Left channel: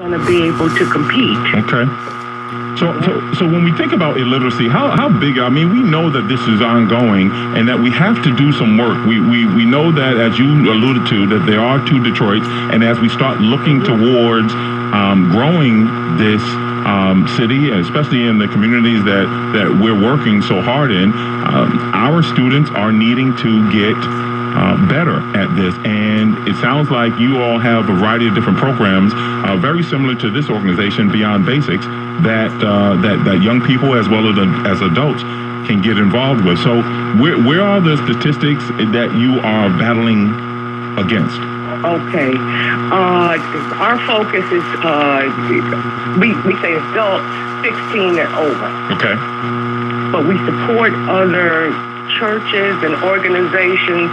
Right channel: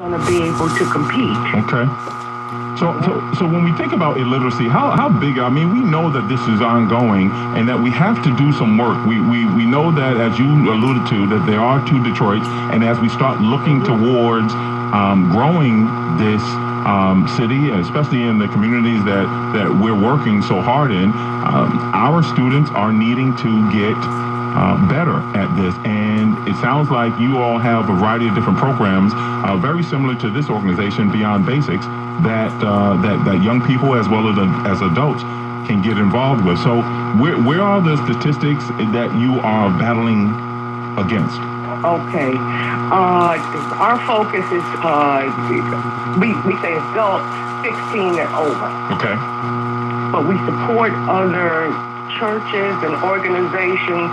going to be able to compete. Okay. So when we think about illiteracy, how big? I mean, we know that this is ongoing and that we have to do some work. We know that, as you alluded to, that there are two Detroits, and as we start looking towards growing this city, and especially in the communities that we're working so hard in, our students are needing to get better at this. And it sounds like you all have a variety of different programs, very similar to this organization, Beyond Basics, that young people as well as adults can get involved with. So where are the statistics that you are battling against? Okay. Our focus is, we say adults 16 and over. Okay. But we support other churches and organizations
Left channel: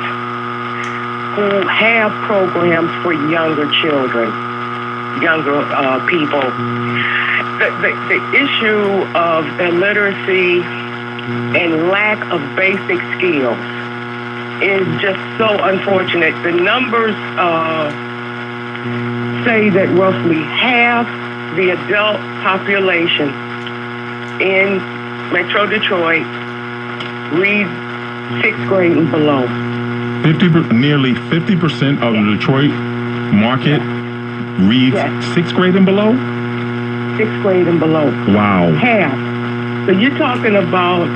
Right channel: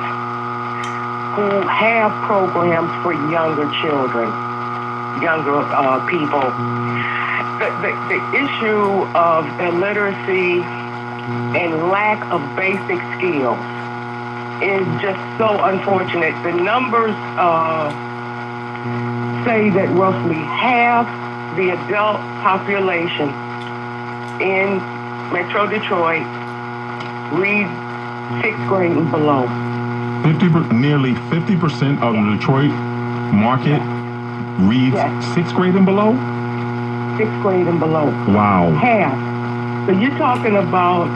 who have programs for younger children, younger people. The issue of illiteracy and lack of basic skills is just so unfortunate. The numbers say that roughly half the adult population in Metro Detroit read 6th grade and below. Nearly 50% of the Detroit market reads 6th grade and below? 6th grade and below. Wow. Half. So you're talking about,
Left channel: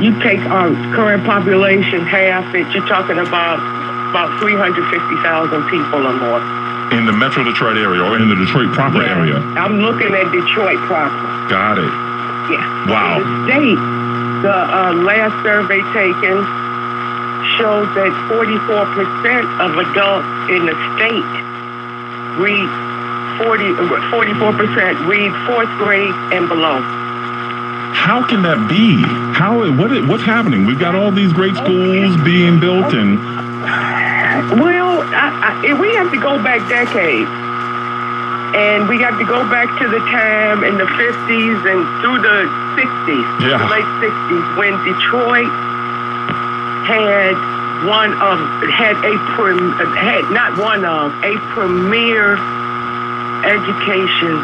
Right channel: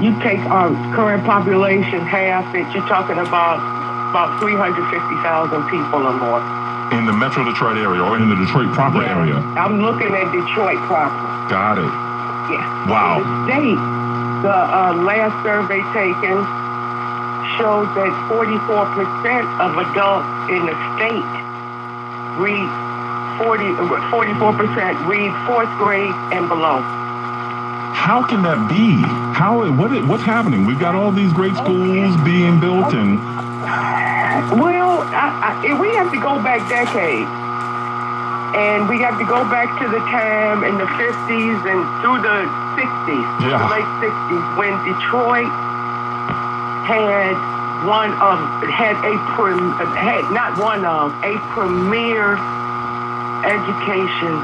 you take our current population, half it, you're talking about 350,000 people or more. In the Metro Detroit area or in the Detroit proper area? I'm looking at Detroit proper. Got it. Yeah. Wow. The state, the last survey taken shows that 44% of adults in the state read 44% read 4th grade and below. How can that be? What's happening? We've got all these great schools being built and... Well, we have to go back decades. And we have to go back to the time in the 50s and through the 60s, the late 60s, when Detroit had a premier education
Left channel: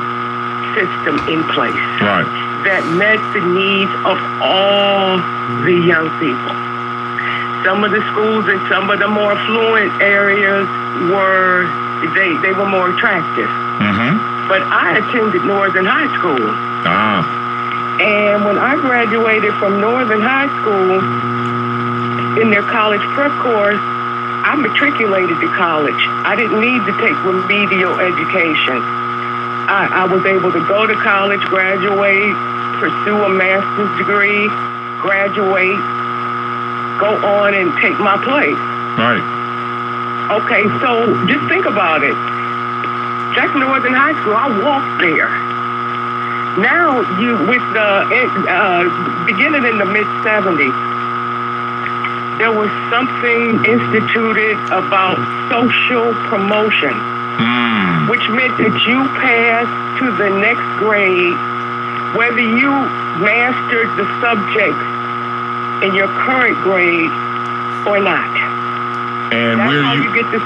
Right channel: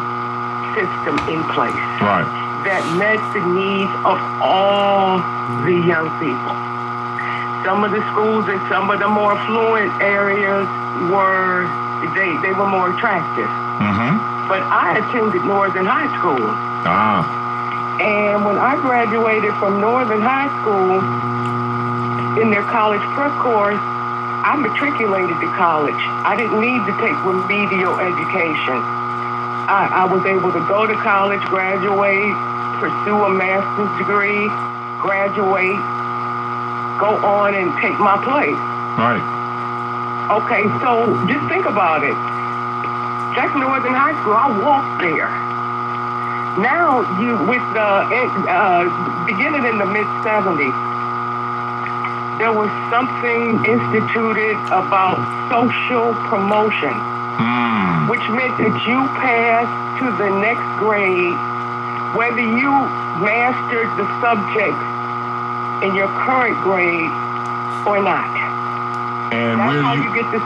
system in place. Right. That met the needs of all the young people. Some of the schools in some of the more affluent areas were more attractive. Mm-hmm. But I attended Northern High School. And when I graduated from Northern High School in their college prep course, I matriculated to college. I didn't need to take remedial education. I was able to go to college, graduate, pursue a master's degree, graduate, go on and take my place. Right. Okay, so just think about it. Jackson Northern High School, I walked there. Now, with the beginning in the mid-'70s, there was something instituted about social promotion, which meant that you passed to the next grade, whether you mastered the subjects in your current grade or not. And that's how you get to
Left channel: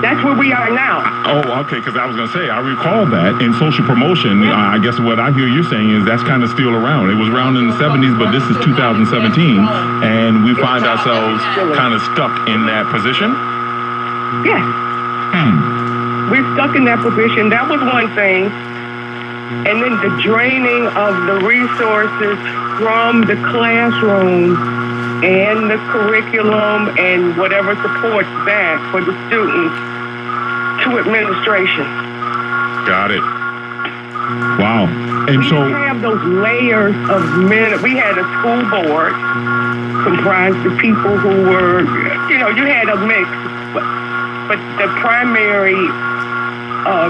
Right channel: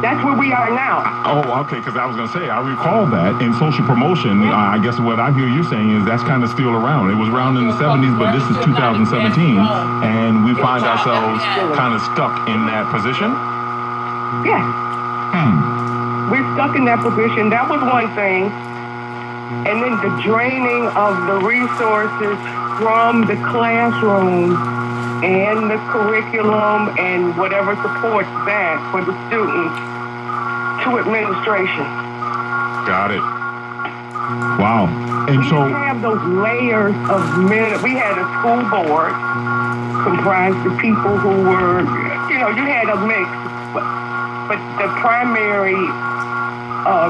that's where we are now. Oh, okay, because I was going to say, I recall that in social promotion, I guess what I hear you saying is that's kind of still around. It was around in the 70s, but this is 2017, and we find ourselves kind of stuck in that position? Yes. We're stuck in that position. That was one thing. And then the draining of the resources from the classroom and the curriculum and whatever supports that for the students to administration. Got it. Wow. And we so... We have those layers of men. We had a school board comprised of people who were, you had a mix. But the primary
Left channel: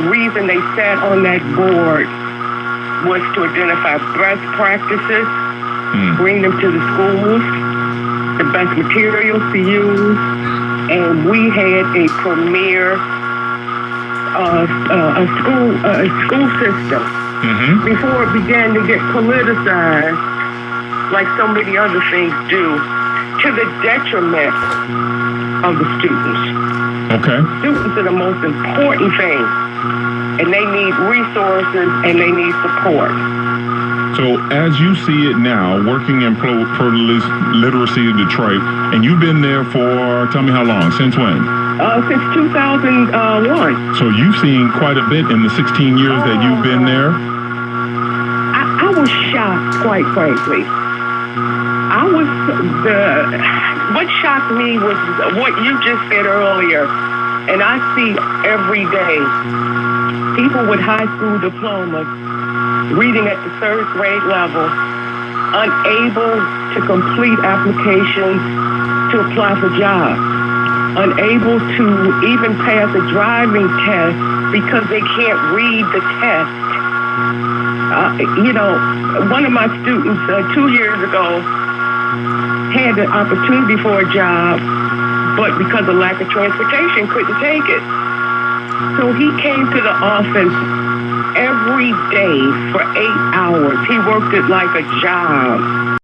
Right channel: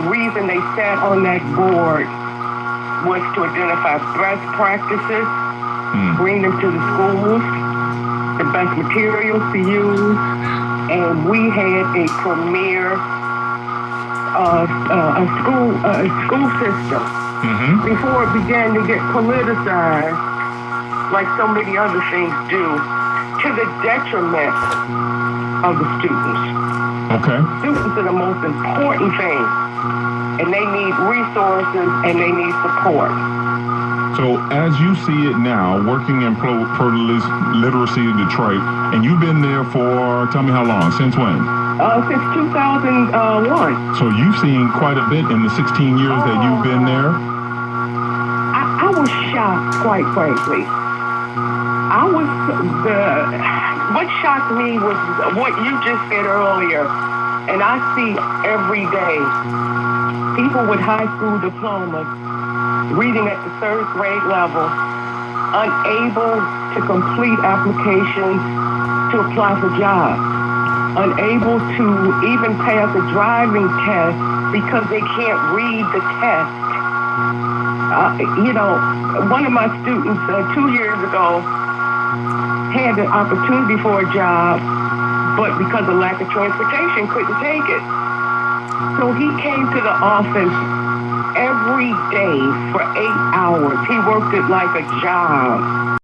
reason they sat on that board was to identify best practices, bring them to the schools, the best materials to use, and we had a premier school system before it began to get politicized, like so many other things do, to the detriment of the students. Okay. Students are the most important thing and they need resources and they need support. So as you see it now, working in pro-literacy Detroit, and you've been there for, tell me how long, since when? Since 2001. So you've seen quite a bit in the 16 years that you've been there? I was shocked, quite frankly. What shocked me was what you just said earlier, and I see every day people with high school diplomas reading at the third grade level, unable to complete applications to apply for jobs, unable to even pass a driving test because they can't read the test. One of my students 2 years ago had the opportunity for a job, but because of lack of transportation, couldn't take it. So he came to the office every day for 8 hours. He worked it like a job.